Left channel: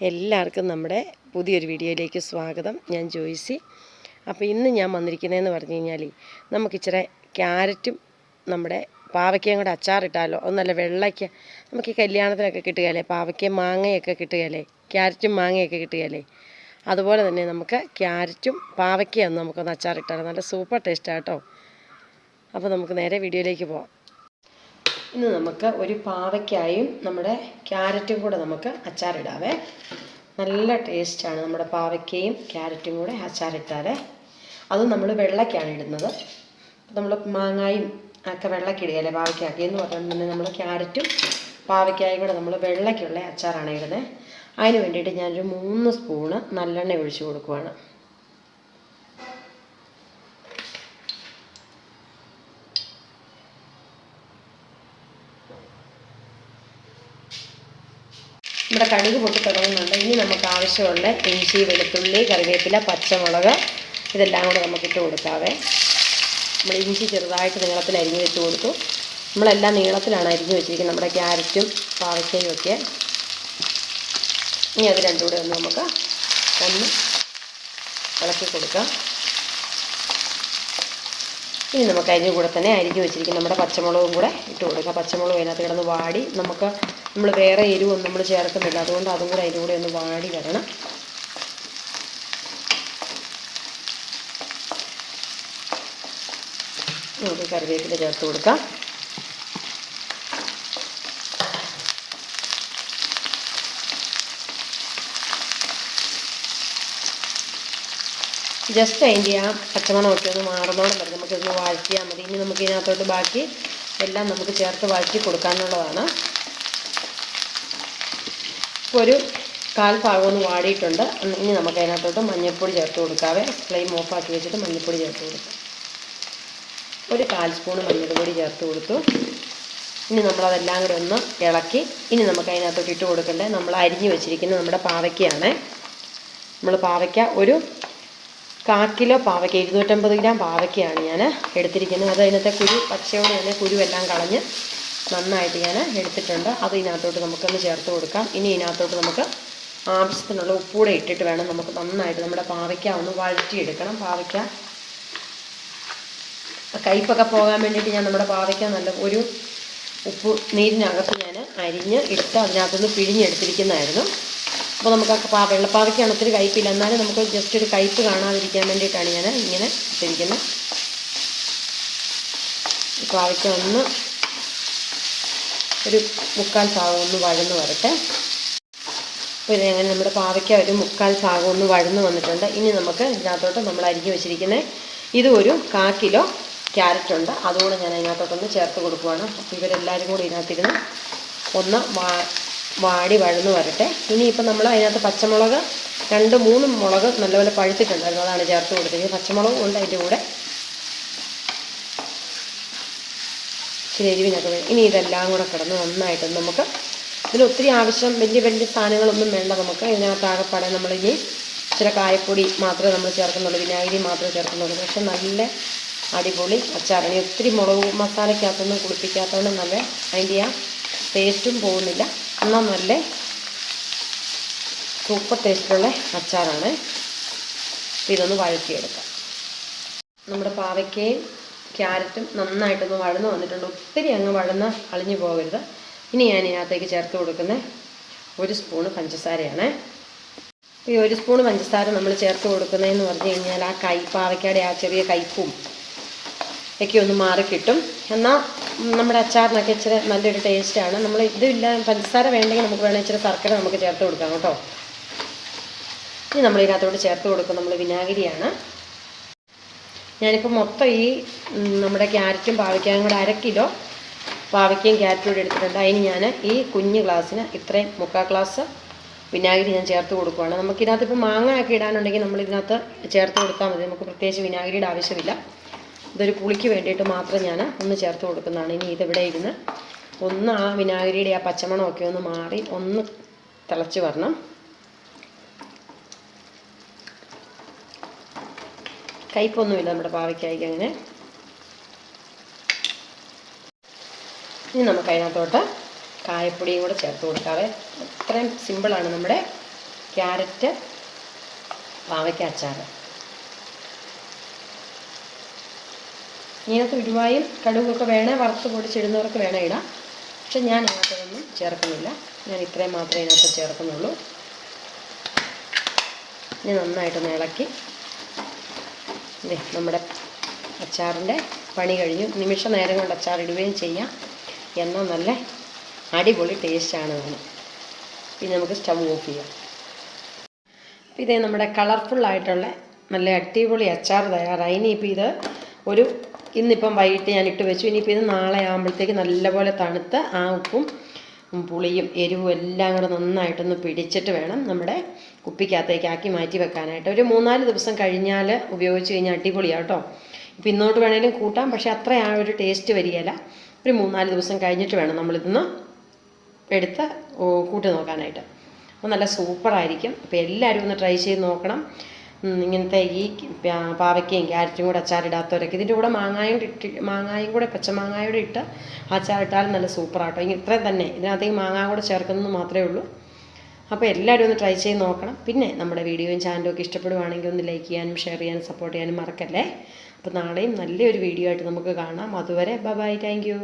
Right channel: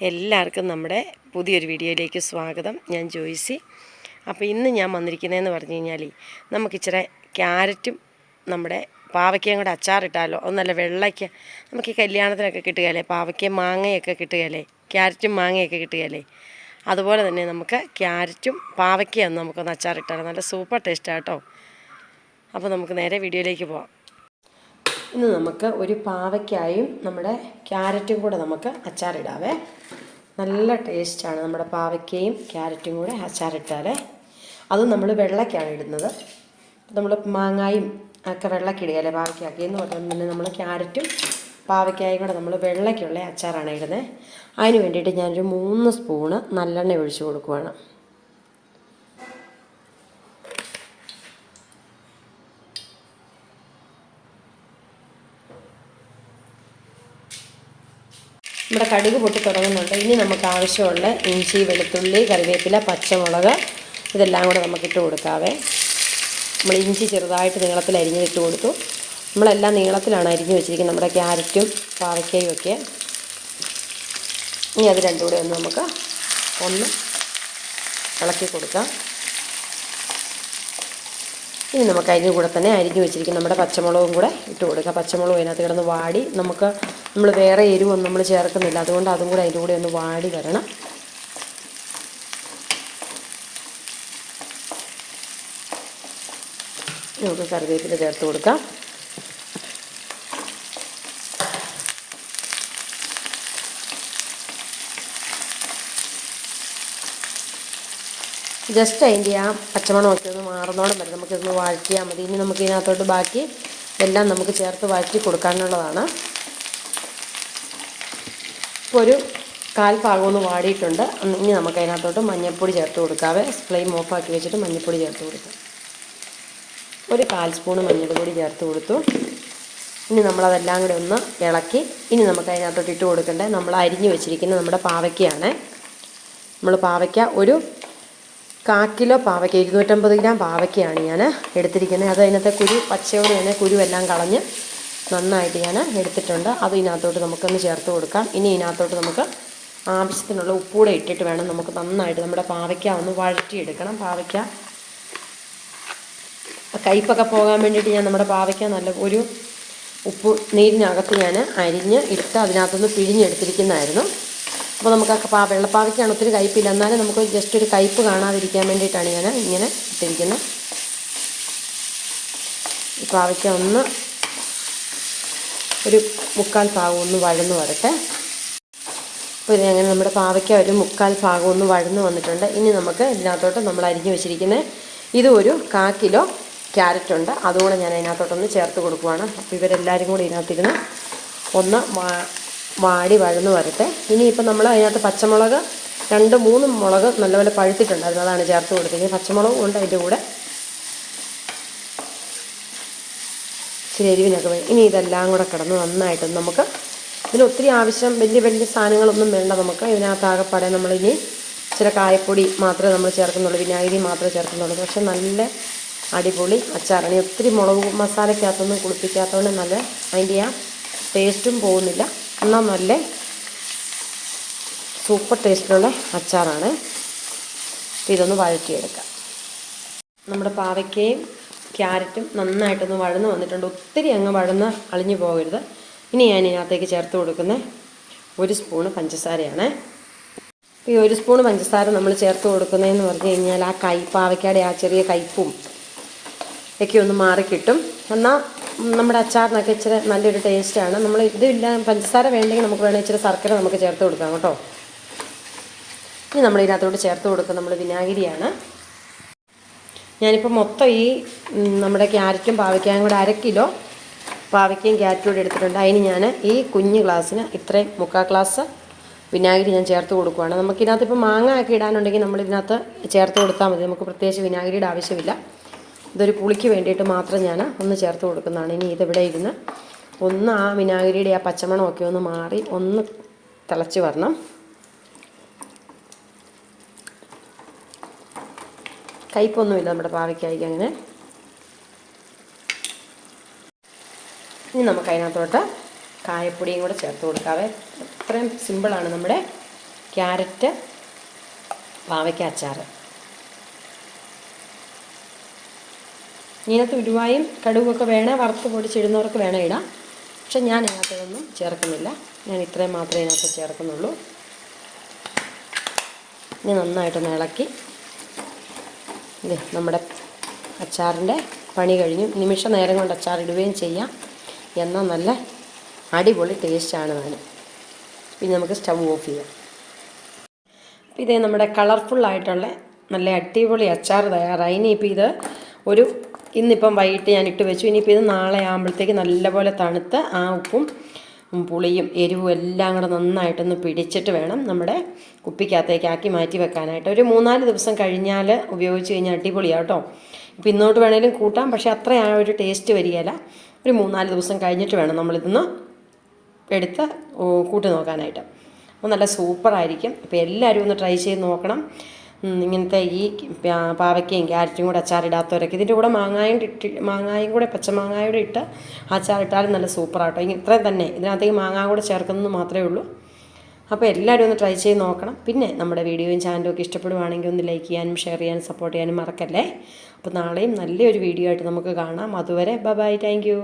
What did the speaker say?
എല്ലാവർക്കും നമ്മുടെ പുതിയൊരു വീഡിയോയിലേക്ക് സ്വാഗതം. ഞാൻ ജോയ്സി. അപ്പോൾ ഇന്ന് ഞാൻ വന്നിരിക്കുന്നതെന്ന് പറഞ്ഞു കഴിഞ്ഞാൽ നമുക്കിച്ചിരി ക്യാരറ്റും നമ്മുടെ പാവയ്ക്കയും കൂടെ അച്ചാറിട്ടാലോ. അത് നല്ല വെള്ളയ്ക്ക് നമുക്ക് ഈ കല്യാണത്തിനൊക്കെ കിട്ടുകയല്ലേ, പാവയ്ക്കയും മാങ്ങയൊക്കെ കിട്ടുകയല്ലേ, ക്യാരറ്റും മാങ്ങയൊക്കെ കിട്ടുകയല്ലേ, അതുപോലെ തന്നെ നമുക്ക് ക്യാരറ്റും പാവയ്ക്കയും നമുക്കൊന്ന് അച്ചാറിട്ടാലോ. നല്ല സൂപ്പർ ടേസ്റ്റാണ് കേട്ടോ. അപ്പോൾ നമുക്ക് നേരെ വീഡിയോയിലേക്ക് പോകാം. ഇന്ന് നമുക്ക് ഒരു പാവയ്ക്കായും നമ്മുടെ ക്യാരറ്റും കൂടെ നമുക്ക് അച്ചാറിടാവേ. നല്ല ടേസ്റ്റാണ് നമ്മുടെ പാവയ്ക്കയും ക്യാരറ്റും കൂടെ അച്ചാറിട്ടാൽ. അത് നമ്മൾ വെള്ളയ്ക്കാണ് ഇടുന്നത്. നമ്മൾ മാങ്ങായും ഒക്കെ വെള്ളക്കിടുകയല്ലേ പാവയ്ക്കാക്കി എന്ന് പറഞ്ഞാൽ പിന്നെ നമ്മൾ ക്യാരറ്റും പാവയ്ക്കായും കൂടെ നമ്മൾ വെള്ളയ്ക്കുള്ള അച്ചാറാണ് ഇടുന്നത്. അതിന് വേണ്ടിയിട്ട് ഞാനൊരു 3 സ്പൂണ് നല്ലെണ്ണ ഒഴിച്ച് കൊടുക്കുവാണ്. നമ്മുടെ കടുക് പൊട്ടി തുടങ്ങുന്നുണ്ട്. ഇനി നമുക്ക് ആവശ്യമുള്ള ഇഞ്ചി, വെളുത്തുള്ളി, കറിവേപ്പില, പച്ചമുളക് ഇതെല്ലാം കൂടെ നമുക്കിട്ട് കൊടുക്കാവേ. നമ്മൾ ഇഞ്ചി ചെറുതായിട്ട് നീളത്തിൽ അരിഞ്ഞ് വെച്ച് കൊടുത്തു. നമ്മളെല്ലാം നീളത്തിലാണ് അരിഞ്ഞ് വെച്ചിരിക്കുന്നത്, നമ്മുടെ ക്യാരറ്റും പാവയ്ക്കയും ഒക്കെ. ഇനി അത് രണ്ടും കൂടെ നമുക്ക് ഒന്ന് ഇളക്കി കൊടുക്കാം. ഇനി നമുക്ക് അതിൻ്റെ കൂടെ തന്നെ അരിഞ്ഞ് വെച്ചിരിക്കുന്ന നമ്മുടെ പച്ചമുളകും കൂടെ ഇട്ട് കൊടുക്കുക. പച്ചമുളക് അതിനകത്ത് കിടന്ന് വാടി, നമ്മൾ വേറെ എരിവൊന്നും നമ്മൾ ചേർക്കുന്നില്ല, അതുകൊണ്ട് അതും കൂടെ അതിൻ്റെ കൂടെ ഒന്ന് വാടി വരണം. നമുക്ക് കറിവേപ്പില ചേർത്ത് കൊടുക്കാം. ജസ്റ്റ് അതിൻ്റെ ആ പച്ചമണമൊക്കെ ഒന്ന് മാറുന്നോളം വരെ നമുക്കിതൊന്ന് വഴറ്റിയാൽ മതി. ഇനി നമുക്ക് ഇതിനകത്തോട്ട് ബാക്കി എല്ലാം നമുക്ക് ചേർത്ത് വഴറ്റി കൊടുക്കാനുള്ളതാണ്. ഇപ്പോൾ ഒരു 1/4 ഭാഗം ഒന്ന് വാടിയിട്ടുണ്ട്. ഇനി നമുക്ക് അതിനകത്തോട്ട് മഞ്ഞൾപ്പൊടി ചേർത്ത് കൊടുക്കാവേ. ഫ്ലെയിം ഓഫാക്കി വെച്ചിട്ട് മഞ്ഞൾപ്പൊടി ചേർത്ത് കൊടുക്കാം. ഒരു 1/4 സ്പൂണ് മഞ്ഞൾപ്പൊടി ചേർത്ത് കൊടുത്തു. ഇനി നമ്മളതെല്ലാം കൂടി ഒന്ന് ഇളക്കി ഇനി നമുക്ക് അതിനകത്തോട്ട് ഇട്ട് കൊടുക്കേണ്ടത് നമ്മൾ അരിഞ്ഞ് വെച്ചിരിക്കുന്ന നമ്മുടെ പാവയ്ക്കയാണ്. നമ്മൾ പാവയ്ക്ക ഒരു 1/4 കിലോ പാവയ്ക്ക, 250 ഗ്രാം പാവയ്ക്കയാണ് ഞാൻ എടുത്തിരിക്കുന്നത്. അത് അതിനകത്തെ പച്ചയോടെ തന്നെ കുരുവെല്ലാം കളഞ്ഞ് നന്നായിട്ട് ഞാൻ എടുത്തിട്ടുണ്ട്. അത് ഇതിനകത്തോട്ട് നമുക്കൊന്ന് ചേർത്ത് കൊടുക്കാം. ഇനി ഇതിനകത്തോട്ട് നമുക്ക് ആവശ്യത്തിനുള്ള ഉപ്പൂടെ ഇട്ടിട്ട് വേണം നമുക്ക് നന്നായിട്ട് നമ്മുടെ പാവയ്ക്ക ഒന്ന് വഴറ്റിയെടുക്കണം. പാവയ്ക്ക കയ്പ്പൊക്കെ പോകാൻ വേണ്ടിയിട്ട് ഞാൻ നമ്മുടെ പാവയ്ക്ക നല്ല ഒരു ഉപ്പ് നീരിനകത്ത് ഞാൻ അരിഞ്ഞ് ഇട്ട് അതിനകത്തൊന്ന് പിഴിഞ്ഞെടുത്തിരിക്കുന്നതായിരുന്നു. അപ്പോൾ നമുക്ക് ആ വെള്ളപ്പാവയ്ക്കാണ് ഒത്തിരി കയ്പ്പില്ല, എന്നാലും നമുക്ക് ജസ്റ്റ് ഒരു കയ്പ്പ് കാണാതിരിക്കാൻ വേണ്ടിയിട്ടാണ് ഞാൻ ഇങ്ങനെ ഇട്ടിരിക്കുന്നത്. പാവയ്ക്ക ഒന്ന് ഒരു 1/4 ഭാഗം ഒന്ന് വഴന്ന് വരട്ടെ. അപ്പോൾ ഇതെങ്ങനെ നമ്മുടെ പാവയ്ക്ക ഒരു 1/4 ഭാഗം ഒന്ന് വഴന്ന് വന്നിട്ടുണ്ട്. ഇനി നമുക്ക് ഇതിനകത്തോട്ട് നമ്മൾ അരിഞ്ഞ് വെച്ചിരിക്കുന്നത് ഇത് ഒരു 1/4 കിലോ ക്യാരറ്റുണ്ട്, അതുകൂടെ ഞാൻ അതിനകത്തോട്ടൊന്ന് ചേർത്ത് കൊടുക്കുവാണ്. അപ്പോൾ ഇവരെല്ലാവരും കൂടി ഇതിനകത്തിരുന്ന് ഒന്ന് വാടി വഴന്ന് വരട്ടെ. ഇനിയിപ്പോൾ നമ്മൾ അതിനകത്ത് പച്ചമുളക് 2-3 മുളക് നല്ലപോലെ പഴുത്തിട്ടുണ്ടായിരുന്നു, അതാണ് ചേർത്ത് കൊടുത്തിരിക്കുന്നത്. പച്ചമുളകും ഉണ്ട് അതിൻ്റെ കൂടെ, ഇച്ചിരി എരിവിനൊക്കെ വേണം. ഇനി ഇതെല്ലാം കൂടെ കിടന്ന് നന്നായിട്ട് നമുക്ക് ഇതിന് ഒത്തിരി ആവശ്യം വലിയ സാധനങ്ങളൊന്നും വേണ്ട. നമുക്ക് ഇതിനകത്താകെപ്പാടെ നമ്മളിനി ഇച്ചിരി കായപ്പൊടി മാത്രമേ നമ്മൾ ചേർക്കുന്നുള്ളൂ, വിനാഗിരി മാത്രമേ ചേർക്കുന്നുള്ളൂ. പക്ഷെ നല്ല അടിപൊളി അച്ചാറാണ്. ഒത്തിരി മുളക് മസാലയ്ക്കകത്തൊന്നും കുളിപ്പിക്കാത്തതുകൊണ്ട് നല്ല അതിൻ്റെ ആ ടേസ്റ്റും പോകുന്നില്ല, എന്നാൽ നല്ല സൂപ്പർ ടേസ്റ്റുള്ള അച്ചാറാണ്. ഇതൊന്ന് വഴറ്റിയെടുക്കാം. നമ്മുടെ പാവയ്ക്കയും ക്യാരറ്റും നന്നായിട്ടൊന്ന് വഴന്ന് വന്നിട്ടുണ്ട്. ഒത്തിരി അങ്ങ് വഴന്ന് അളിഞ്ഞു പോകരുത്. ഇനി ഞാൻ ഇതിനകത്തേക്ക് ചേർത്ത് കൊടുക്കുന്നത് 1 സ്പൂണ് പഞ്ചസാരയാണ്. ഈ 1 സ്പൂണ് പഞ്ചസാര നമ്മൾ ചേർത്ത് കൊടുക്കുന്നതെന്ന് പറഞ്ഞു കഴിഞ്ഞാൽ ആ പാവയ്ക്കയുടെ ആ ചെറിയ കയ്പ്പും ഒക്കെ ഒന്ന് മാറിക്കിട്ടും. എന്നാൽ നമ്മുടെ അച്ചാറിനൊക്കെ ഇച്ചിരി നല്ലൊരു ടേസ്റ്റാണ്. നമ്മൾ ഇതില്ല പഞ്ചസാര വേണ്ടെങ്കിൽ നമുക്ക് വേണമെങ്കിൽ ഇച്ചിരി ശർക്കര നമുക്ക് ചേർത്ത് കൊടുക്കാം കേട്ടോ. ഇനി നമ്മൾ ഇതിനകത്തോട്ട് ചേർത്ത് കൊടുക്കുക നമ്മൾ വിനാഗിരിയാണ്. ഞാനിപ്പോൾ മൊത്തം ഈ നമ്മുടെ ക്യാരറ്റും പാവയ്ക്കായും കൂടെ 1/2 കിലോ പാവയ്ക്കയും ക്യാരറ്റും കൂടി എടുത്തിട്ടുണ്ട്. അതിന് ഞാൻ ഈ കുഞ്ഞ് ഗ്ലാസ്സിന് ഇത്രയും 1/4 ഗ്ലാസ് വിനാഗിരി ഞാൻ ചേർത്ത് കൊടുക്കുകയാണ്. നമുക്കിതിനകത്ത് ഇപ്പോൾ മാങ്ങ ഒക്കെ ഇടാനുണ്ടെങ്കിൽ നമ്മളിതിനകത്ത് ചേർത്ത് കൊടുത്താൽ മതി, നമുക്ക് പ്രത്യേകിച്ച് വിനാഗിരിയുടെ ആവശ്യമില്ല. ഇതൊരു പുളിക്ക് വേണ്ടിയിട്ട് മാത്രം ഞാൻ ഒന്ന് ചേർത്ത് കൊടുക്കുന്നതാണ്. ഇനി ഇതിവിടെ ഇരുന്ന് ഒന്ന് ആ വിനാഗിരിയുടെ ആ പച്ചമണമൊക്കെ ഒന്ന് മാറി ഒന്ന് തിളച്ച് വരണം. കയ്പൊന്നുമില്ല നമ്മുടെ പാവയ്ക്കായ്ക്ക് അങ്ങനെ. ഇനി നമുക്ക് അതിനകത്തോട്ട് കായപ്പൊടിയും കൂടെ ചേർത്ത് കൊടുക്കാവേ. അത്രയും സിമ്പിളാണ് നമ്മുടെ ക്യാരറ്റ് പാവയ്ക്ക അച്ചാർ. ഇതിനകത്ത് ഉലുവായും കടുകൊക്കെ വേണേൽ വറുത്ത് പൊടിച്ചിടുന്നവർക്ക് വേണേൽ ഇടാം. പക്ഷെ ഞാൻ അതിനകത്തൊന്നും ചേർക്കുന്നില്ല. ഞാൻ ഇത്രയും മാത്രമേ ഇതിനകത്ത് ചേർക്കുന്നുള്ളൂ. ഇനി നന്നായിട്ടൊന്ന് ഇളക്കി നമ്മുടെ അച്ചാറിൻ്റെ പണി കഴിഞ്ഞു. നിമിഷ നേരം കൊണ്ട് അച്ചാർ ഇടുകയും ചെയ്യാം. എന്നാൽ നല്ല അടിപൊളി ടേസ്റ്റാണ് അതിന്. പിന്നെ നമുക്ക് സ്റ്റവ് ഓഫ് ചെയ്യാം. അപ്പോൾ ഇതേ നമ്മുടെ കളർഫുള്ളായിട്ടുള്ള നല്ല അടിപൊളി അച്ചാർ തയ്യാറായി. ഇനിയിപ്പോൾ ഇത് ഇന്നിപ്പം വൈകിട്ട് ഞാൻ ഇട്ട് വെച്ചു. ഇനിയിപ്പോൾ ഇത് നാളെ ആകുമ്പോഴത്തേക്ക് നല്ലപോലെ തണുത്ത് ആ ഉപ്പും പുളിയും എരിവും എല്ലാം കൂടെ നന്നായിട്ടൊന്ന് പിടിച്ചിട്ട് വേണം നമ്മുടെ കുപ്പിക്കകത്തേക്ക് ആക്കി മാറ്റി വെക്കാനായിട്ട്. ഒരു 3-4 ദിവസം കഴിഞ്ഞാൽ ഉപയോഗിച്ച് കഴിഞ്ഞാൽ അടിപൊളിയാണ് കേട്ടോ. ഇപ്പം ഇന്നോട്ട് വേണേലും കൂട്ടാം, പക്ഷേ അത്ര ആ ഒരു ടേസ്റ്റ് വരികയില്ല. ഒരു 3-4 ദിവസം കഴിഞ്ഞിട്ട് വേണം നമ്മളിതൊന്ന് എടുത്ത് കൂട്ടി നോക്കാനായിട്ട്. അപ്പോൾ നല്ല സൂപ്പറായിരിക്കും. അപ്പോൾ എല്ലാവരും ഒന്ന് ട്രൈ ചെയ്ത് നോക്കണം. ഇങ്ങനത്തെ ഈ പാവയ്ക്കയും ക്യാരറ്റും കൂടെ അച്ചാറിടാത്തവരൊക്കെ ഇതിൻ്റെ കൂടെ മാങ്ങായും കൂടെ പച്ചമാങ്ങായൂടെ ഇട്ട് അച്ചാറിട്ടാലും നല്ല സൂപ്പറാട്ടോ. ഇത്രയും തന്നെ, ഇതിനകത്തേക്ക് മാങ്ങ കൂടെ ചേർക്കുന്നത് മാത്രമേ ഉള്ളൂ. അപ്പോൾ എല്ലാവരും ഒന്ന് ട്രൈ ചെയ്ത് നോക്കണം. പിന്നെ നമ്മുടെ വീഡിയോയും ചാനലും ഒക്കെ ഇഷ്ടപ്പെടുവാണെങ്കിൽ ഒന്ന് ലൈക്ക് ചെയ്യാനും ഷെയർ ചെയ്യാനും സപ്പോർട്ട് ചെയ്യാനും മറക്കല്ലേ. അപ്പോൾ നാളെയും നല്ലൊരു വീഡിയോ ആയിട്ട് നമുക്ക് കാണാം. അതുവരെ ബൈ, താങ്ക് യു.